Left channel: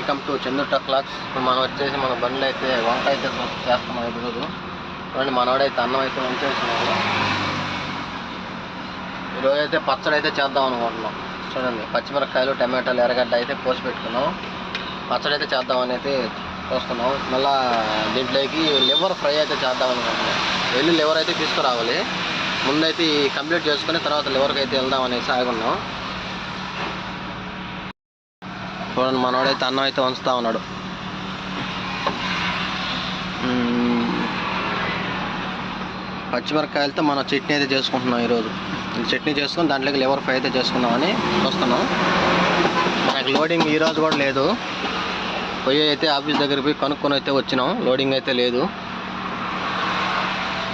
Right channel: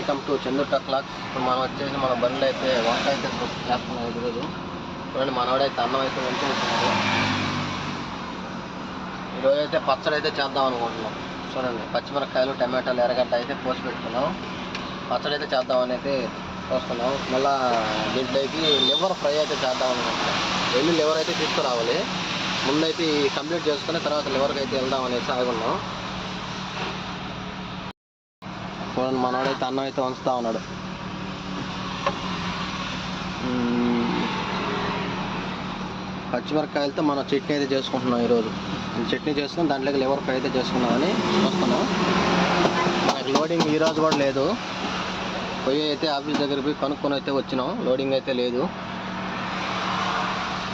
Welcome to Chandu టక్ లాక్స్. ఇప్పుడు మనం వచ్చేసి మన బండ్లు అయితే వంకాయ అయితే చేస్తున్నాం ఈరోజు. చూడండి మనవాడైతే అన్నం అయితే వంచేస్తున్నాడు. ఈరోజు అయితే పచ్చడి అయితే చేద్దాం అనుకుంటున్నాం. చూడండి పచ్చిమిరపకాయలు టమాటాలు ఎర్రగడ్డ అయితే పోసి పెట్టుకున్నాం. పచ్చడి అయితే చేద్దామని అయితే చూస్తున్నాం. మళ్ళీ దీంట్లోకి లివర్ ఫ్రై అయితే చేద్దాం అనుకుంటున్నాం. వెళ్ళి లివర్ అయితే తీసుకురావాలి. ముందైతే కంప్లీట్ చేసుకుని తర్వాత లివర్కి అయితే వెళ్దాం అనేసి ఆగున్నాం. చూడండి మనవాడైతే అన్నం అయితే వంచుతా ఉన్నాడు. పచ్చిమిరపకాయలతో మనం చట్నీ అయితే చేసుకుంటున్నాం. ఈరోజు చట్నీ చేసుకుని దాంట్లోకి లివర్ ఫ్రై అయితే చేసుకుందామని చూస్తున్నాం. మనకి లోడింగ్ ఈరోజు కూడా లేదు. పోయి అయితే ఆఫీస్ దగ్గర పోయి కనుక్కొని అయితే వచ్చినాం. లోడింగ్ అయితే లేదు.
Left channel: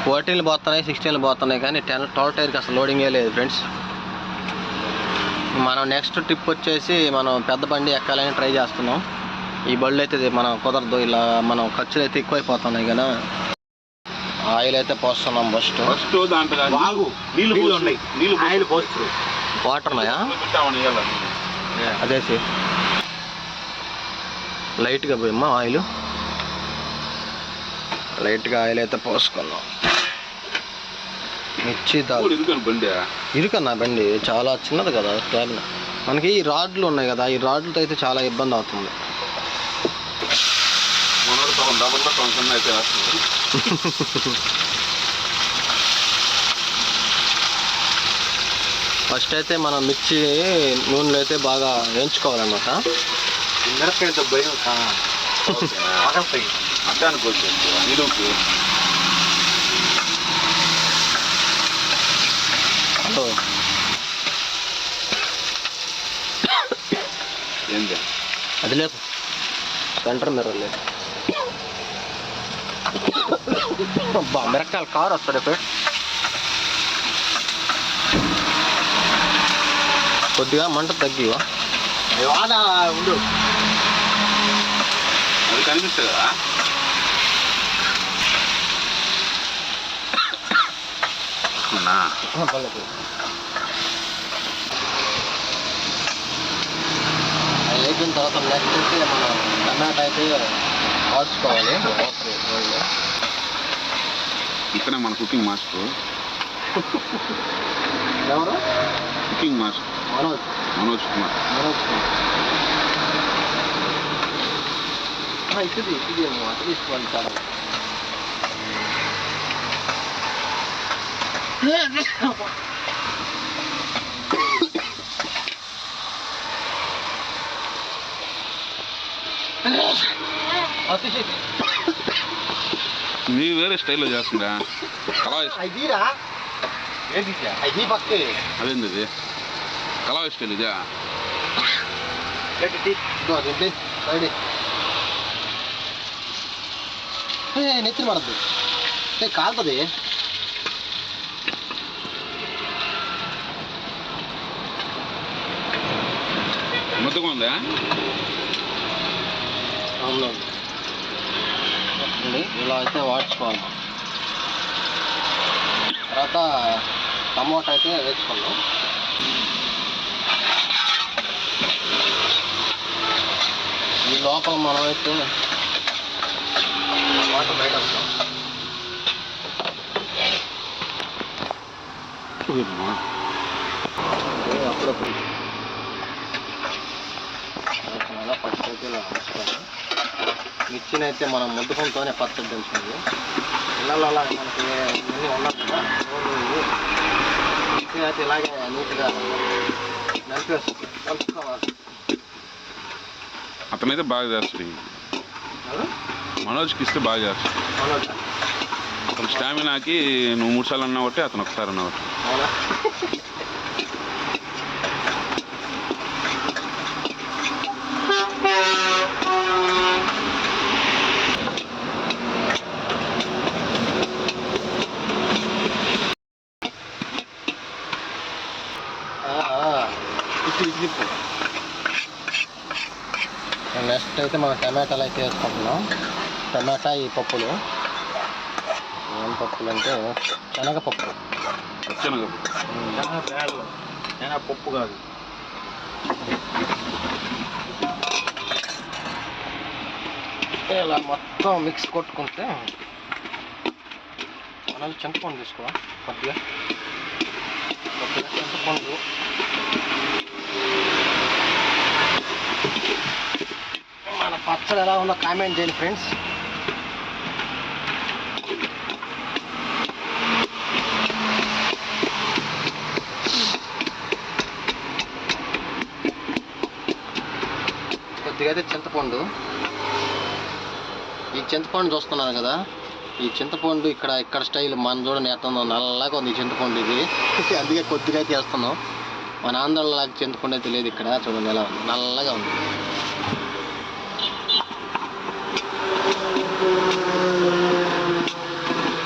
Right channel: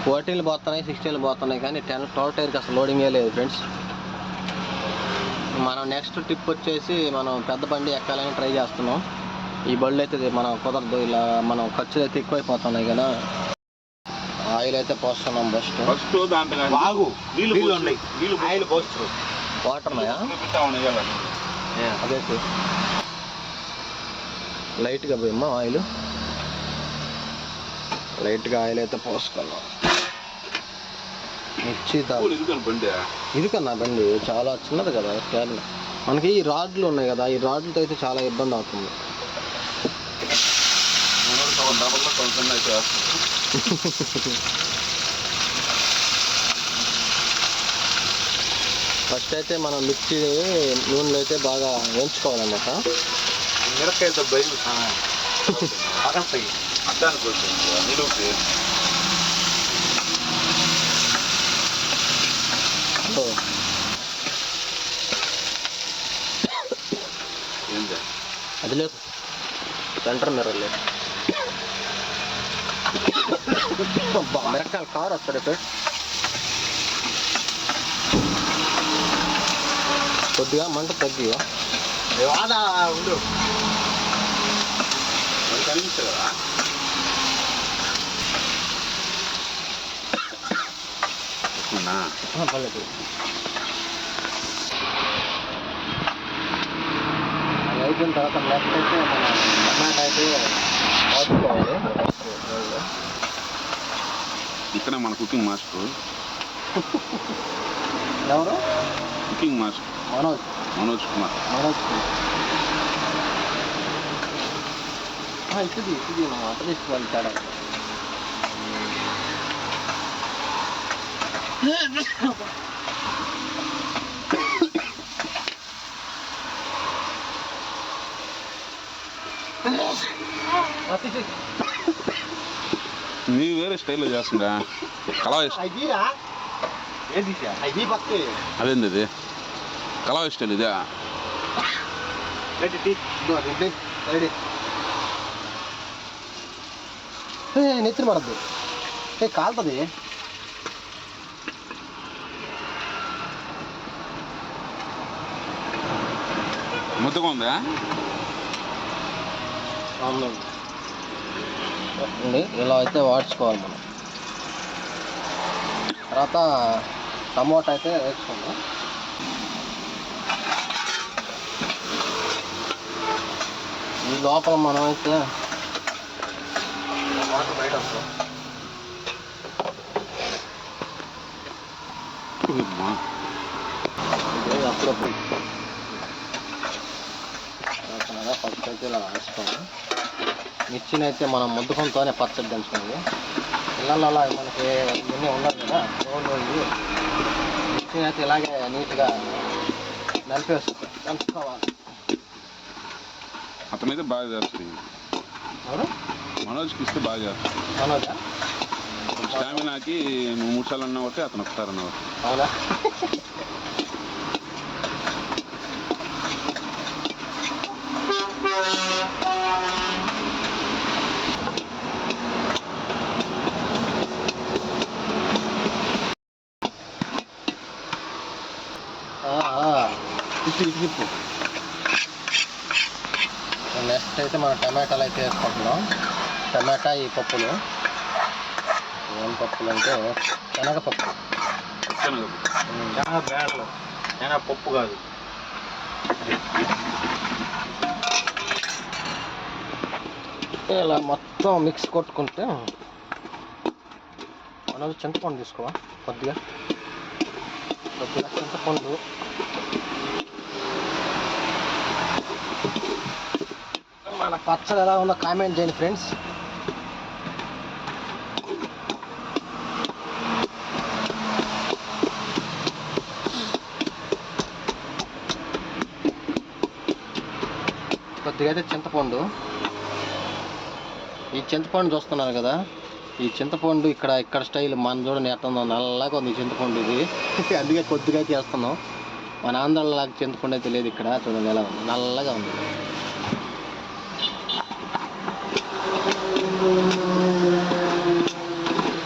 14 పోతున్నాయి, 16 పోతున్నాయి, కానీ 12 టైర్కి అసలు లోడింగే లేదు ఫ్రెండ్స్. మనం నెక్స్ట్ ట్రిప్ వచ్చేసి మనం పెద్ద బండి ఎక్కాలని ట్రై చేస్తున్నాం. ఈ బళ్ళు అయితే మనం కుదరదు, ఇలా మనం ఖర్చులు అయితే ఎక్కువైపోతున్నాయి కదా. ఆయిల్ అయితే పోస్తున్నాం. ఫస్ట్ వాటర్ ఉన్నాయా అదేసి లైట్గా పోయమ్మా ఆయిల్. లైట్గా ఆయిల్ అయితే పోసుకున్నాం. మిర్చి ఇరుకన్నా బండి చాలా చిన్నది కదా క్యాబిన్. మనకి ఈ రాడ్లు ఉన్నాయి కదా, ఈ రాడ్లతో అయితే చాలా ఇబ్బంది అవుతుంది. ఫస్ట్ అయితే మనం మిర్చి నూనెలో అయితే బాగా వేయించుకోవాలన్నమాట. మిరపకాయలతో భయం అడ్డానికి నిలువుకి ఏంటి అది లేదు, సెంటర్ మిర్రర్ లేదు. మిరపకాయలు కారు వస్తుంది ఇప్పుడు. కొద్దిగా మంట తగ్గివా ఉండు, అది కనిపిస్తుంది కదా. అది అయిపోయిన తర్వాత నెక్స్ట్ అయితే మనం టమాటా అయితే కాల్చుకోవాలి. ఇక్కడ మన కుకింగ్ మాస్టర్ ఎవరు? Cooking master Manoj Kumar. ఇది మాట తీసుకువెళ్తాడు. నీ వేరే స్టైల్లో చేస్తుందా? అదేంది ఇది కళాయి స్టైల్ ఇదే? నెత్తి పడద్దు, కాలుతుంది. ముద్దగా ఉందా? అవునండి, ఇలా అయితే వాడ్చుకోవాలి. తర్వాత టమోటా అయితే వేసుకున్నాం. ఈ లోపల మనం అయితే వాటర్ బయట వస్తాం. అప్పుడప్పుడు ఫస్ట్ అయితే ఇలా వేసుకోవాలి. మిర్చిని అయితే మనం ముద్దుకంతోనే పచ్చడి దంచుకోవాలి. ఇళ్ళలో అలా మనకి ఇవన్నీ ఉండాలి కదా. మిర్చిని అయితే ఇలాగే నీట్గా దంచుకోవాలి. అతనైతే బాగా చేస్తుంది. మనోజ్కి ఇస్తే బాగా చేస్తుంది. మనోజ్ అతను స్టామినాకి నువ్వు 3 సార్లు అన్నా ఒకటి, అతను ఒకసారి అన్నా ఒకటి. అవునా? నెక్స్ట్ అయితే మనం టమాటాలు అయితే వేసుకుంటున్నాం. టమాటా ఈ పప్పులు ఏం పప్పులు అంటే శనగపప్పు. పప్పు కాదు. ఇలా మొత్తం మిక్స్ కొట్టుకుంటే అలాగే చింతపండు తీసుకో కొద్దిగా చింతపండు మన పచ్చడి ఎలా ఉందో కామెంట్ చేయండి ఫ్రెండ్స్. కొద్దిగా అయితే చింతపండు, ఈ చింతపండు చూస్తున్నారు కదా, ఈ చింతపండు ఇక్కడ స్టైల్ మన చూడండి ఎట్లా ఉందో, నల్లగా ఉంది చింతపండు ఇది. అందుకే కొద్దిగా అయితే వేస్తున్నాం. మన ఆంధ్రలాగా చింతపండు అయితే లేదు ఇక్కడ, చూడండి ఎలా ఉంది, నల్లగా ఉంది.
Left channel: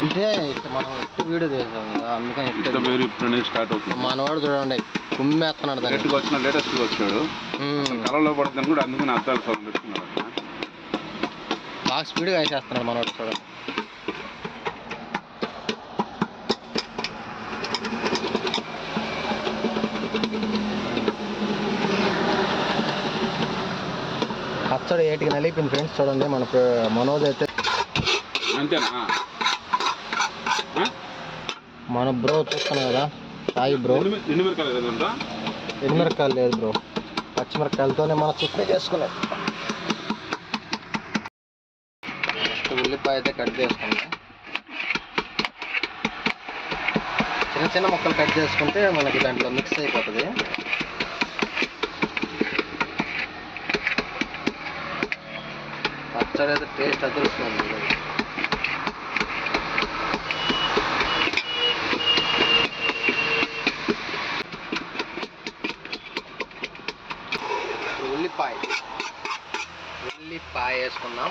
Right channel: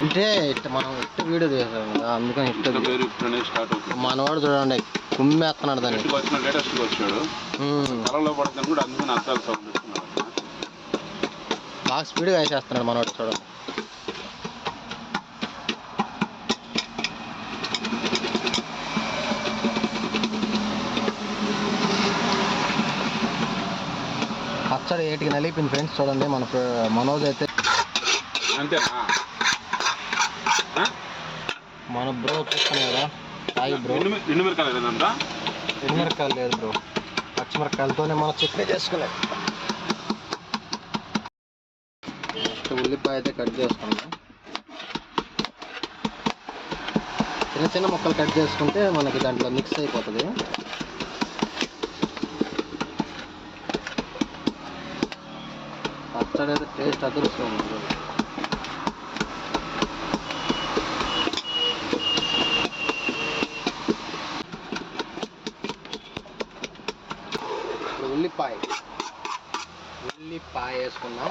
అంటే మనం ఎట్టు వీడియో తీసాం కదా, అందుకని స్టార్ట్ అవుతుంది. మనవాడు చూడండి కుమ్మేస్తున్నాడు దాన్ని. లేటెస్ట్గా వచ్చినాడు, కలలో పడుతుంది కూడా, అందుకని అర్థాలు సౌండ్ ఇస్తున్నాడు. బాగా స్పీడ్గా వేసేస్తున్నాడు మనవాడు చూడండి. పచ్చడి ఏటికి నలిపింది ఫ్రెండ్స్. చూడండి మన మనోజ్ అయితే అంతేనా, మన బ్రో చూస్తున్నాం కదా, సాయి బ్రో. ఎండుమిరకాయలు లేదంట, ఎండుమిరకాయలు లేదు బ్రో, పచ్చిమిరకాయలతోనే మనం చట్నీ చేసుకునేది. ఉల్లిపాయ అయితే కట్ చేసుకున్నాం. చిన్న చిన్న ముక్కలు కట్ చేసుకుంటే మనకి దాంట్లో మిక్స్ అయిపోతుంది. పచ్చడి అయితే టేస్ట్ అదృష్టం. ఉల్లిపాయ వేసుకున్నాం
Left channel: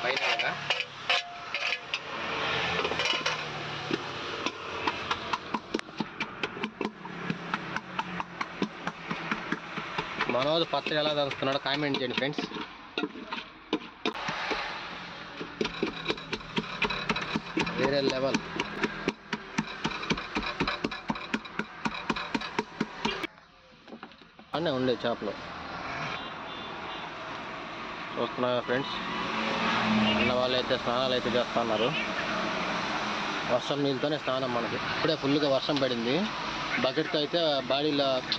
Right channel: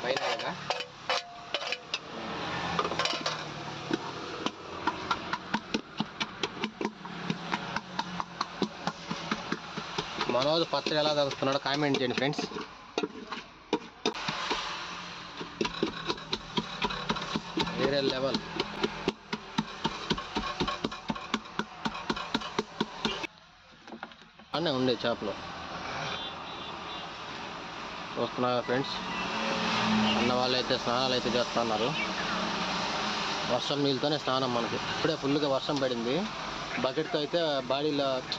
ఫైనల్గా. మనోజ్ పచ్చడి ఎలా దంచుతున్నాడో కామెంట్ చేయండి ఫ్రెండ్స్. వేరే లెవెల్. అన్నీ ఉండే చేపలు చూస్తున్నారు ఫ్రెండ్స్. అన్న వాళ్ళు అయితే స్నానాలు అయితే చేస్తున్నారు. వర్షం నీళ్ళతోనే స్నానం మనకి. ఇప్పుడే ఫుల్గా వర్షం పడింది. బకెట్తో అయితే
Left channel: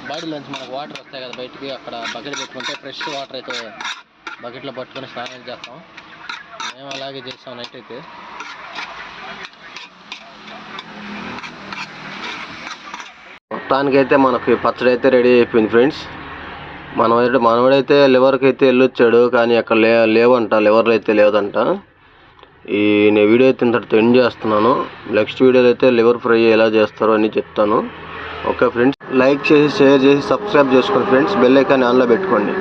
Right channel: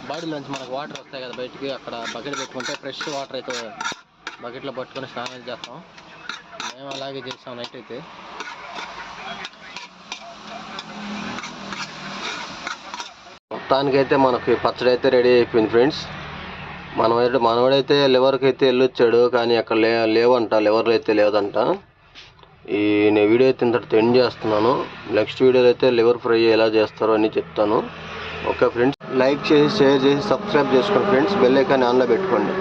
బాడీలోంచి మనకు వాటర్ వస్తాయి కదా బయటికి, అక్కడ బకెట్ పెట్టుకుంటే ఫ్రెష్ వాటర్ అయితే బకెట్లో పట్టుకొని స్నానం చేస్తాం. మేము అలాగే చేస్తాం నైట్ అయితే. మొత్తానికైతే మనకి పచ్చడి అయితే రెడీ అయిపోయింది ఫ్రెండ్స్. మనవాడైతే లివర్కి అయితే వెళ్ళొచ్చాడు, కానీ అక్కడ లేవంట, లివర్లు అయితే లేదంట. నేను వీడియో అయితే ఇంతటితో ఎండ్ చేస్తున్నాను. నెక్స్ట్ వీడియోలో అయితే లివర్ ఫ్రై ఎలా చేస్తారో అని చెప్తాను. ఓకే ఫ్రెండ్స్, లైక్ చేసి షేర్ చేసి సబ్స్క్రైబ్ చేసుకోండి ఫ్రెండ్స్. బెల్ ఐకాన్ ఆన్లో పెట్టుకోండి.